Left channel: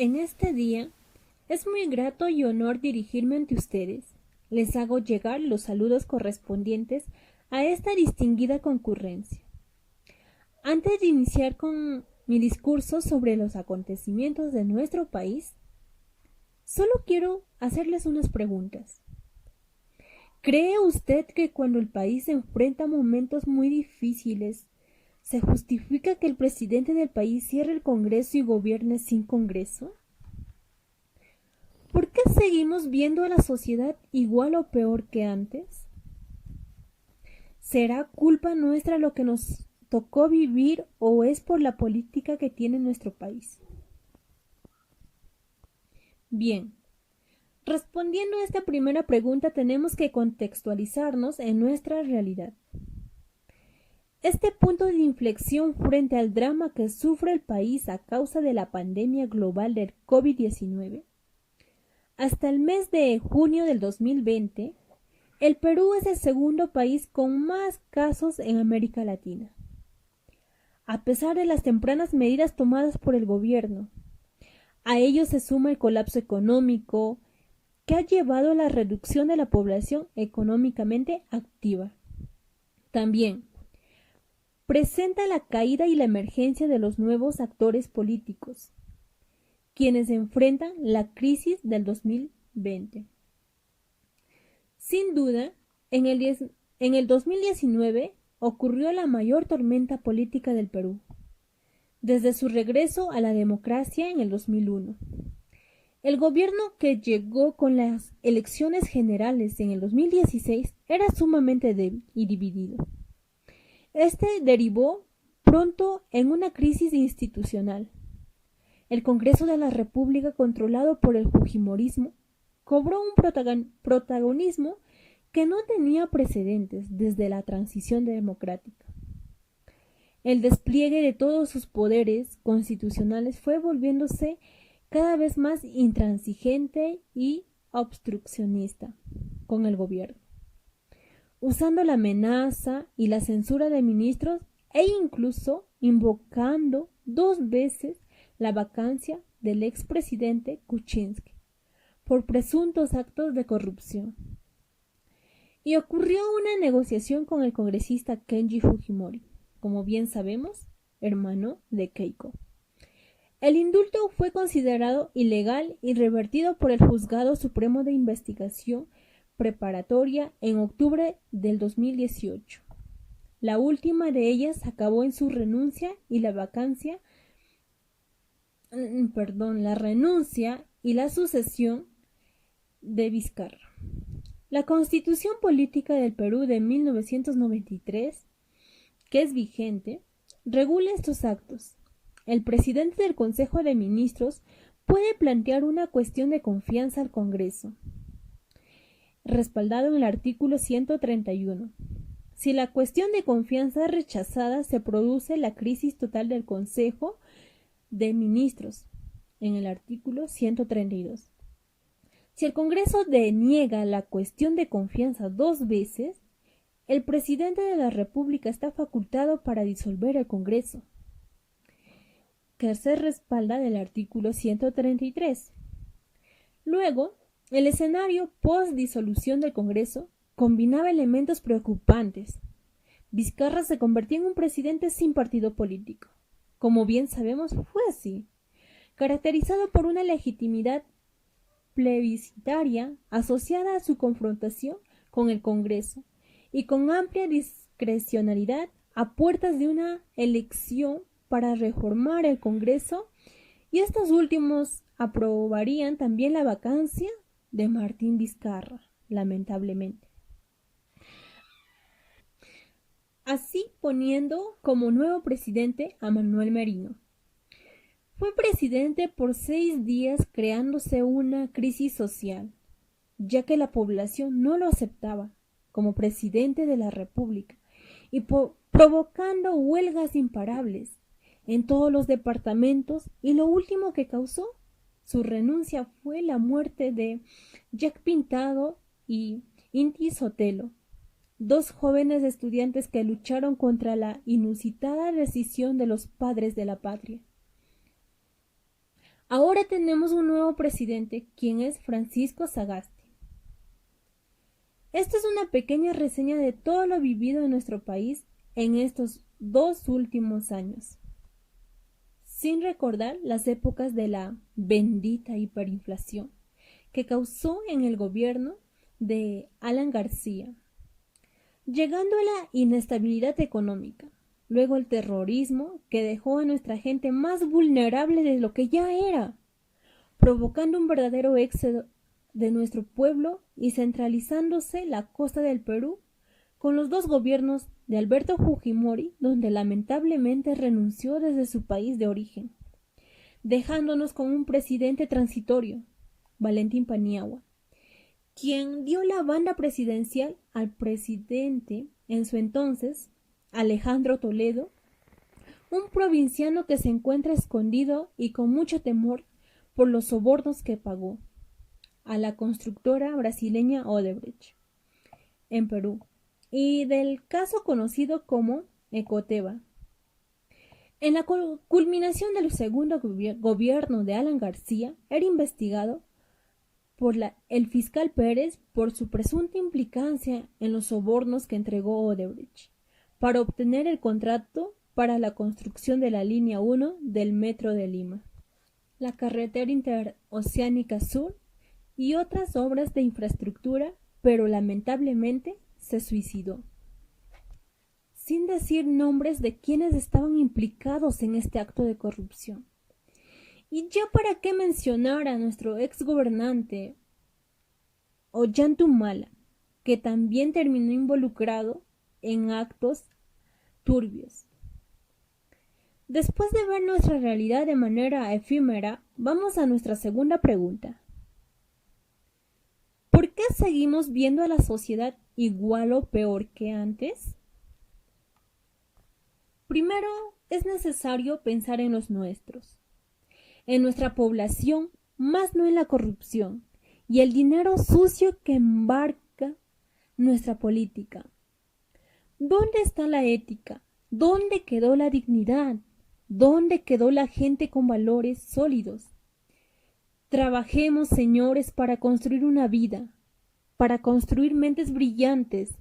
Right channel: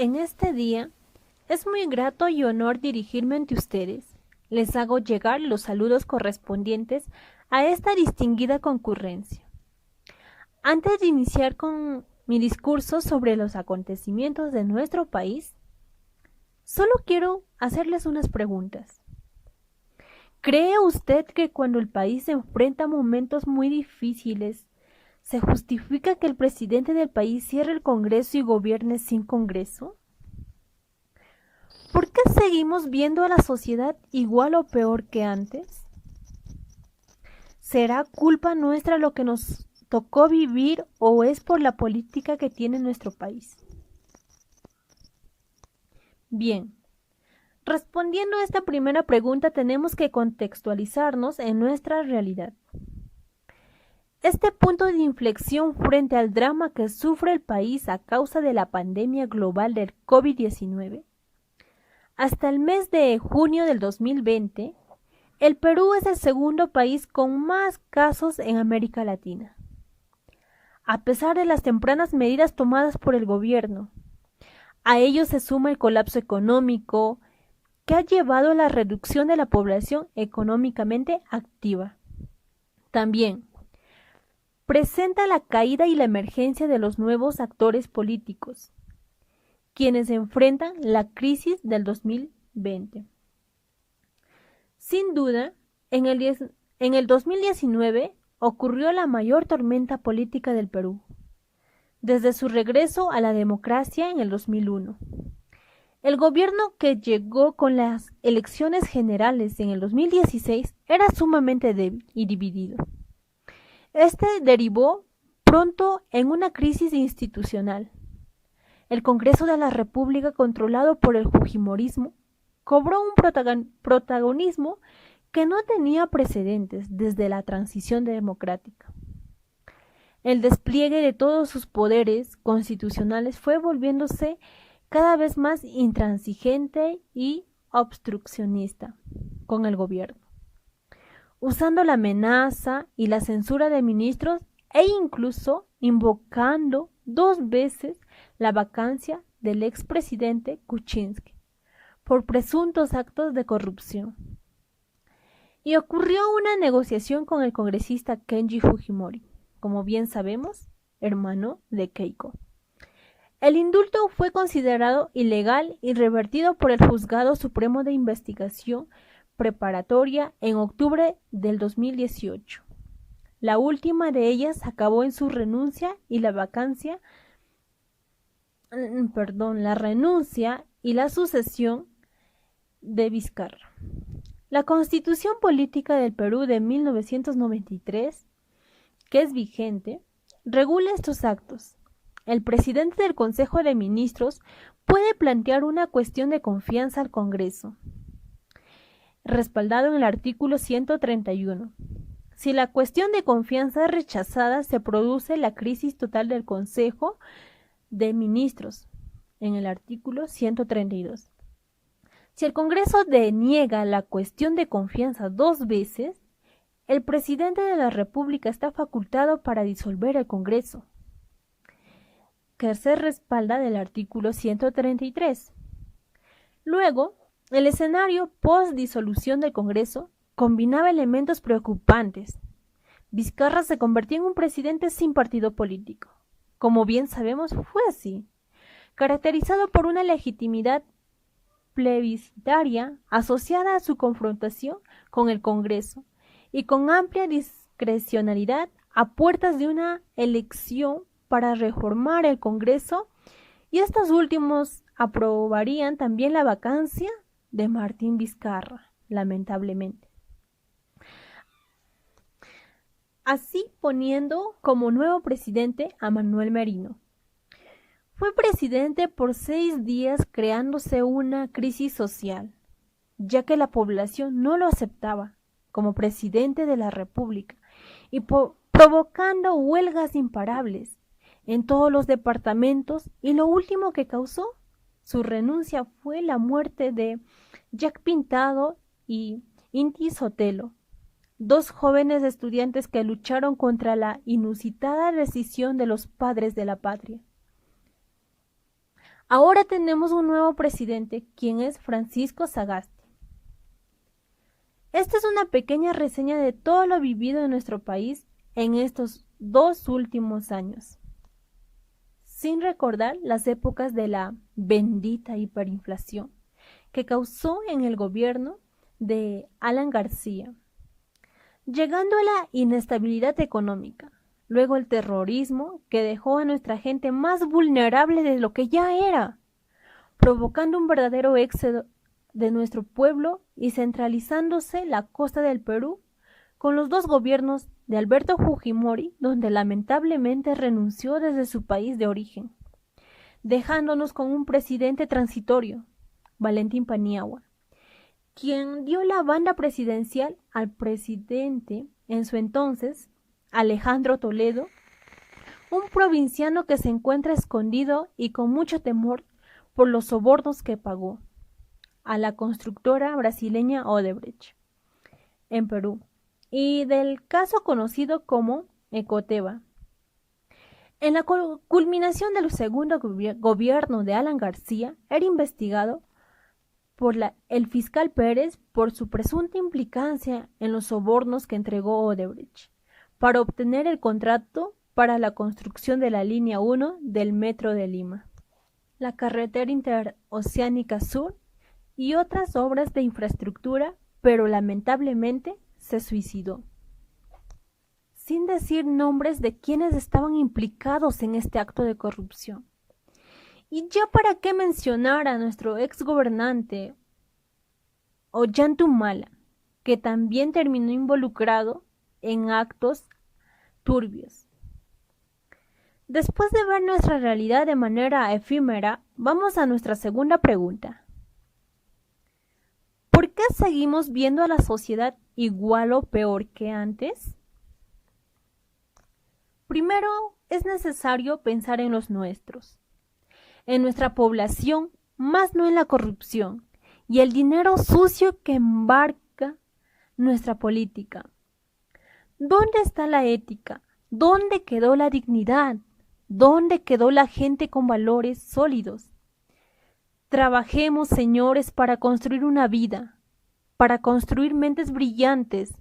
En este día es muy grato y honor dirigirme ante ustedes. Les hago llegar los saludos correspondientes a esta distinguida concurrencia. Antes de iniciar con mi discurso sobre los acontecimientos de nuestro país, solo quiero hacerles unas preguntas. ¿Cree usted que cuando el país se enfrenta a momentos muy difíciles, se justifica que el presidente del país cierre el Congreso y gobierne sin Congreso? ¿Por qué seguimos viendo a la sociedad igual o peor que antes? ¿Será culpa nuestra lo que nos tocó vivir o es por la política que tiene nuestro país? Bien, respondiendo a esta primera pregunta tenemos que contextualizarnos en nuestra realidad. Este punto de inflexión frente al drama que sufre el país a causa de la pandemia global del COVID-19. Hasta el mes de junio del 2020, el Perú es el segundo país con más casos en América Latina. A pesar de las tempranas medidas tomadas por el gobierno, a ello se suma el colapso económico que ha llevado a la reducción de la población económicamente activa. También presenta la caída y la emergencia de los nuevos actores políticos, quienes enfrentan la crisis del 2020. Sin duda, en el 2019 ocurrió la mayor tormenta política del Perú, desde su regreso a la democracia en el 2001. El gobierno que llegó con las elecciones generales en el 2016 era sumamente débil y dividido. Este derivó pronto en una crisis institucional. El Congreso de la República, controlado por el fujimorismo, cobró un protagonismo que no tenía precedentes desde la transición democrática. El despliegue de todos sus poderes constitucionales fue volviéndose cada vez más intransigente y obstruccionista con el gobierno, usando la amenaza y la censura de ministros e incluso invocando 2 veces la vacancia del expresidente Kuczynski por presuntos actos de corrupción. Y ocurrió una negociación con el congresista Kenji Fujimori, como bien sabemos, hermano de Keiko. El indulto fue considerado ilegal y revertido por el Juzgado Supremo de Investigación Preparatoria en octubre del 2018. La última de ellas acabó en su renuncia y la renuncia y la sucesión de Vizcarra. La Constitución Política del Perú de 1993, que es vigente, regula estos actos. El presidente del Consejo de Ministros puede plantear una cuestión de confianza al Congreso, respaldado en el artículo 131. Si la cuestión de confianza es rechazada, se produce la crisis total del Consejo de Ministros, en el artículo 132. Si el Congreso deniega la cuestión de confianza 2 veces, el presidente de la República está facultado para disolver el Congreso, que se respalda del artículo 133. Luego, el escenario post-disolución del Congreso combinaba elementos preocupantes. Vizcarra se convertía en un presidente sin partido político. Como bien sabemos, fue así, caracterizado por una legitimidad plebiscitaria asociada a su confrontación con el Congreso y con amplia discrecionalidad a puertas de una elección para reformar el Congreso, y estos últimos aprobarían también la vacancia de Martín Vizcarra, lamentablemente. Así poniendo como nuevo presidente a Manuel Merino. Fue presidente por 6 días, creándose una crisis social, ya que la población no lo aceptaba como presidente de la República y provocando huelgas imparables en todos los departamentos, y lo último que causó su renuncia fue la muerte de Jack Pintado y Inti Sotelo, 2 jóvenes estudiantes que lucharon contra la inusitada decisión de los padres de la patria. Ahora tenemos un nuevo presidente, quien es Francisco Sagasti. Esta es una pequeña reseña de todo lo vivido en nuestro país en estos 2 últimos años, sin recordar las épocas de la bendita hiperinflación que causó en el gobierno de Alan García, llegando a la inestabilidad económica, luego el terrorismo que dejó a nuestra gente más vulnerable de lo que ya era, provocando un verdadero éxodo de nuestro pueblo y centralizándose la costa del Perú con los 2 gobiernos de Alberto Fujimori, donde lamentablemente renunció desde su país de origen, dejándonos con un presidente transitorio, Valentín Paniagua, quien dio la banda presidencial al presidente en su entonces, Alejandro Toledo, un provinciano que se encuentra escondido y con mucho temor por los sobornos que pagó a la constructora brasileña Odebrecht en Perú, y del caso conocido como Ecoteva. En la culminación del segundo gobierno de Alan García, era investigado por el fiscal Pérez por su presunta implicancia en los sobornos que entregó Odebrecht para obtener el contrato para la construcción de la línea 1 del Metro de Lima, la carretera interoceánica sur y otras obras de infraestructura, pero lamentablemente se suicidó, sin decir nombres de quienes estaban implicados en este acto de corrupción. Y ya para qué mencionar a nuestro ex gobernante Ollanta, que también terminó involucrado en actos turbios. Después de ver nuestra realidad de manera efímera, vamos a nuestra segunda pregunta. ¿Por qué seguimos viendo a la sociedad igual o peor que antes? Primero, es necesario pensar en los nuestros, en nuestra población, más no en la corrupción y el dinero sucio que embarca nuestra política. ¿Dónde está la ética? ¿Dónde quedó la dignidad? ¿Dónde quedó la gente con valores sólidos? Trabajemos, señores, para construir una vida, para construir mentes brillantes.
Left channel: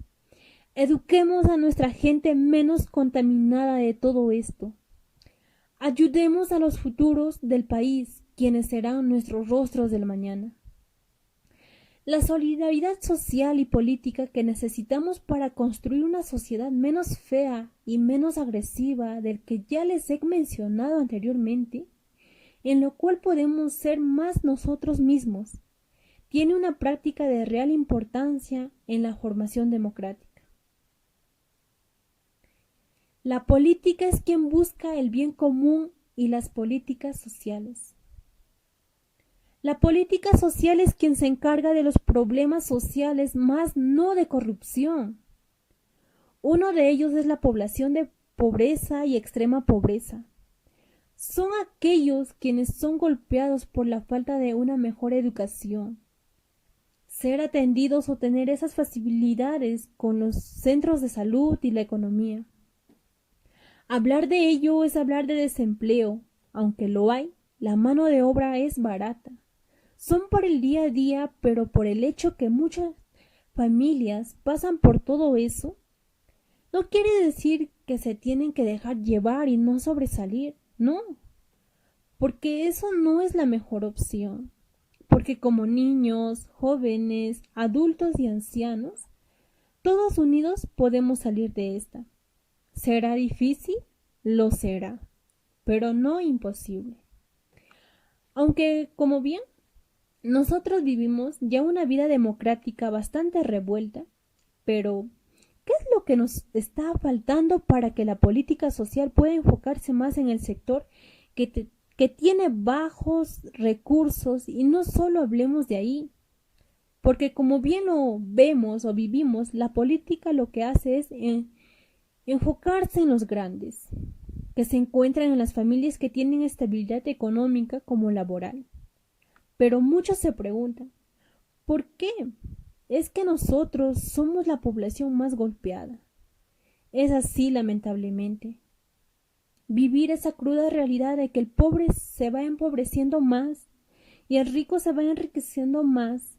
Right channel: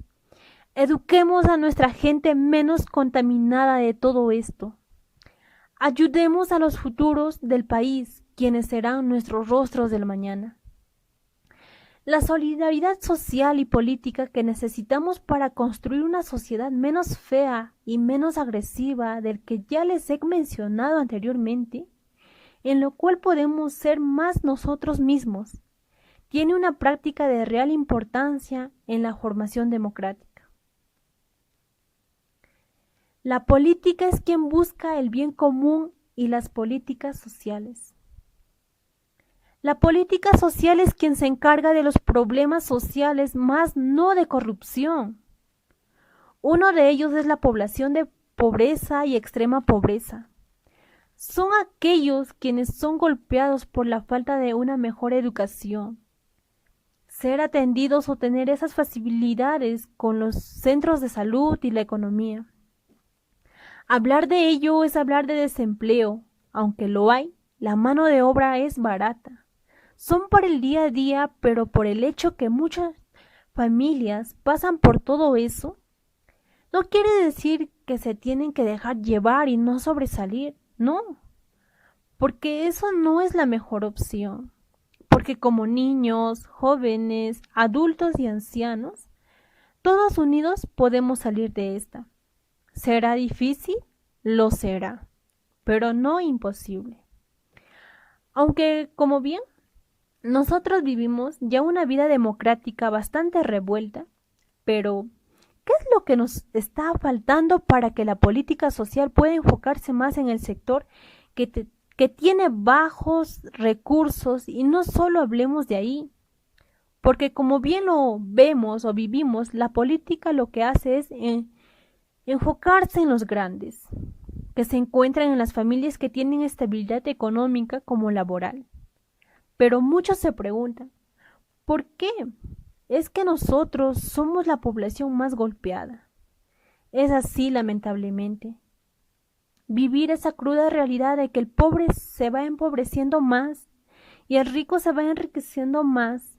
Eduquemos a nuestra gente menos contaminada de todo esto. Ayudemos a los futuros del país, quienes serán nuestros rostros del mañana. La solidaridad social y política que necesitamos para construir una sociedad menos fea y menos agresiva del que ya les he mencionado anteriormente, en lo cual podemos ser más nosotros mismos, tiene una práctica de real importancia en la formación democrática. La política es quien busca el bien común y las políticas sociales. La política social es quien se encarga de los problemas sociales, más no de corrupción. Uno de ellos es la población de pobreza y extrema pobreza. Son aquellos quienes son golpeados por la falta de una mejor educación, ser atendidos o tener esas facilidades con los centros de salud y la economía. Hablar de ello es hablar de desempleo, aunque lo hay, la mano de obra es barata. Son para el día a día, pero por el hecho que muchas familias pasan por todo eso, no quiere decir que se tienen que dejar llevar y no sobresalir, no, porque eso no es la mejor opción, porque como niños, jóvenes, adultos y ancianos, todos unidos podemos salir de esta. ¿Será difícil? Lo será, pero no imposible. Aunque, como bien, nosotros vivimos ya una vida democrática bastante revuelta, pero ¿qué es lo que nos está faltando para que la política social pueda enfocarse más en el sector que tiene bajos recursos? Y no solo hablemos de ahí, porque como bien lo vemos o vivimos, la política lo que hace es enfocarse en los grandes, que se encuentran en las familias que tienen estabilidad económica como laboral. Pero muchos se preguntan, ¿por qué? Es que nosotros somos la población más golpeada. Es así, lamentablemente. vivir esa cruda realidad de que el pobre se va empobreciendo más y el rico se va enriqueciendo más,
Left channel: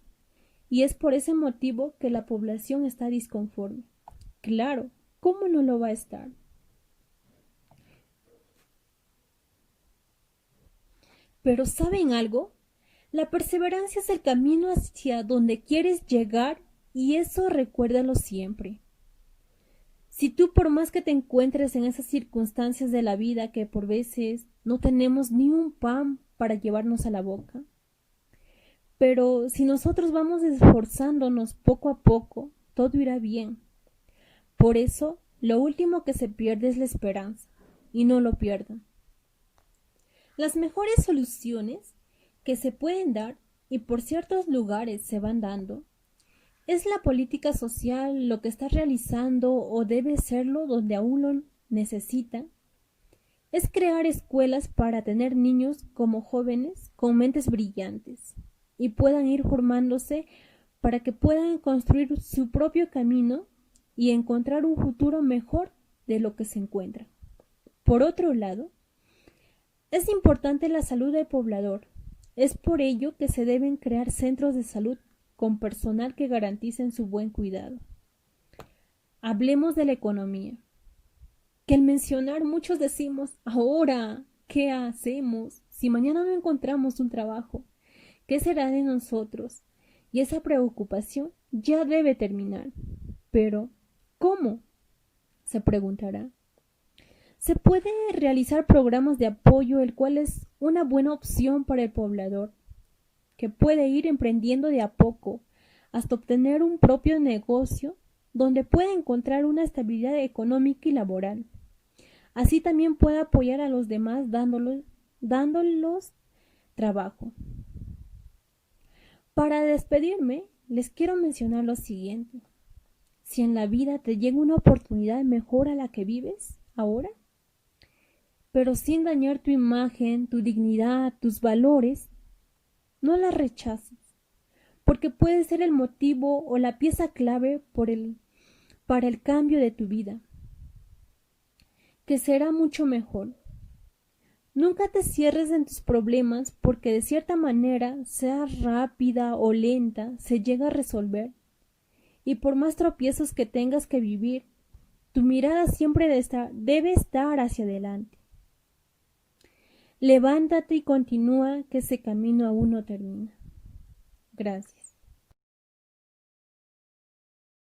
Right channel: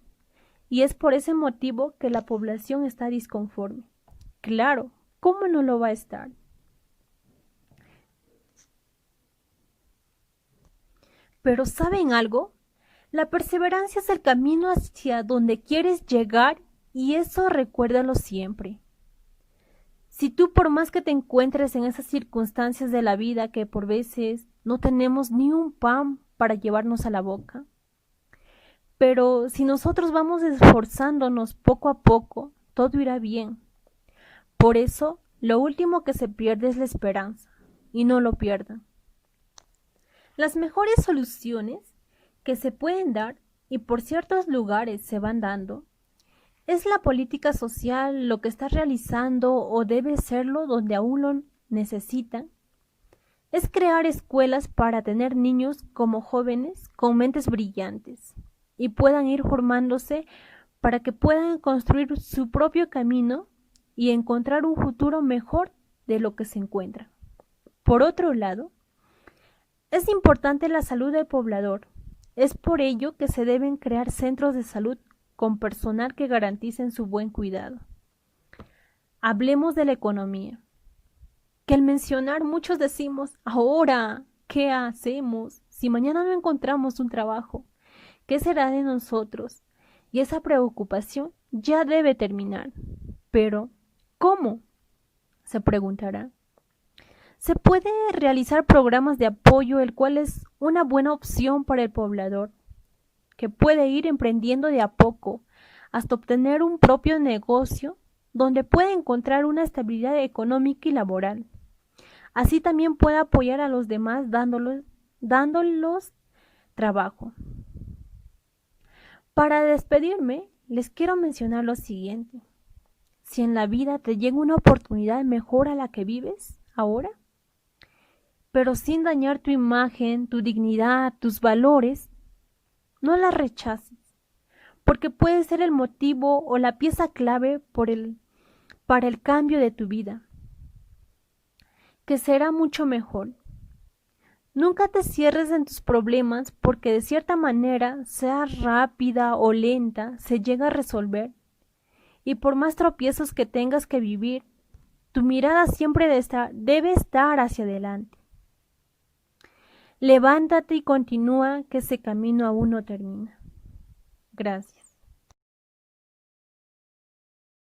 y es por ese motivo que la población está disconforme. Claro, ¿cómo no lo va a estar? Pero ¿saben algo? La perseverancia es el camino hacia donde quieres llegar y eso recuérdalo siempre. Si tú por más que te encuentres en esas circunstancias de la vida que por veces no tenemos ni un pan para llevarnos a la boca, pero si nosotros vamos esforzándonos poco a poco, todo irá bien. Por eso, lo último que se pierde es la esperanza, y no lo pierdan. Las mejores soluciones que se pueden dar, y por ciertos lugares se van dando, es la política social lo que está realizando o debe serlo donde aún lo necesitan. Es crear escuelas para tener niños como jóvenes con mentes brillantes y puedan ir formándose para que puedan construir su propio camino y encontrar un futuro mejor de lo que se encuentra. Por otro lado, es importante la salud del poblador. Es por ello que se deben crear centros de salud con personal que garanticen su buen cuidado. Hablemos de la economía. Que al mencionar muchos decimos, ahora, ¿qué hacemos? Si mañana no encontramos un trabajo, ¿qué será de nosotros? Y esa preocupación ya debe terminar. Pero, ¿cómo? Se preguntará. Se puede realizar programas de apoyo, el cual es una buena opción para el poblador, que puede ir emprendiendo de a poco hasta obtener un propio negocio donde puede encontrar una estabilidad económica y laboral. Así también puede apoyar a los demás dándolos trabajo. Para despedirme, les quiero mencionar lo siguiente. Si en la vida te llega una oportunidad mejor a la que vives ahora, pero sin dañar tu imagen, tu dignidad, tus valores, no la rechaces, porque puede ser el motivo o la pieza clave para el cambio de tu vida, que será mucho mejor. Nunca te cierres en tus problemas porque de cierta manera, sea rápida o lenta, se llega a resolver. Y por más tropiezos que tengas que vivir, tu mirada siempre debe estar hacia adelante. Levántate y continúa, que ese camino aún no termina. Gracias.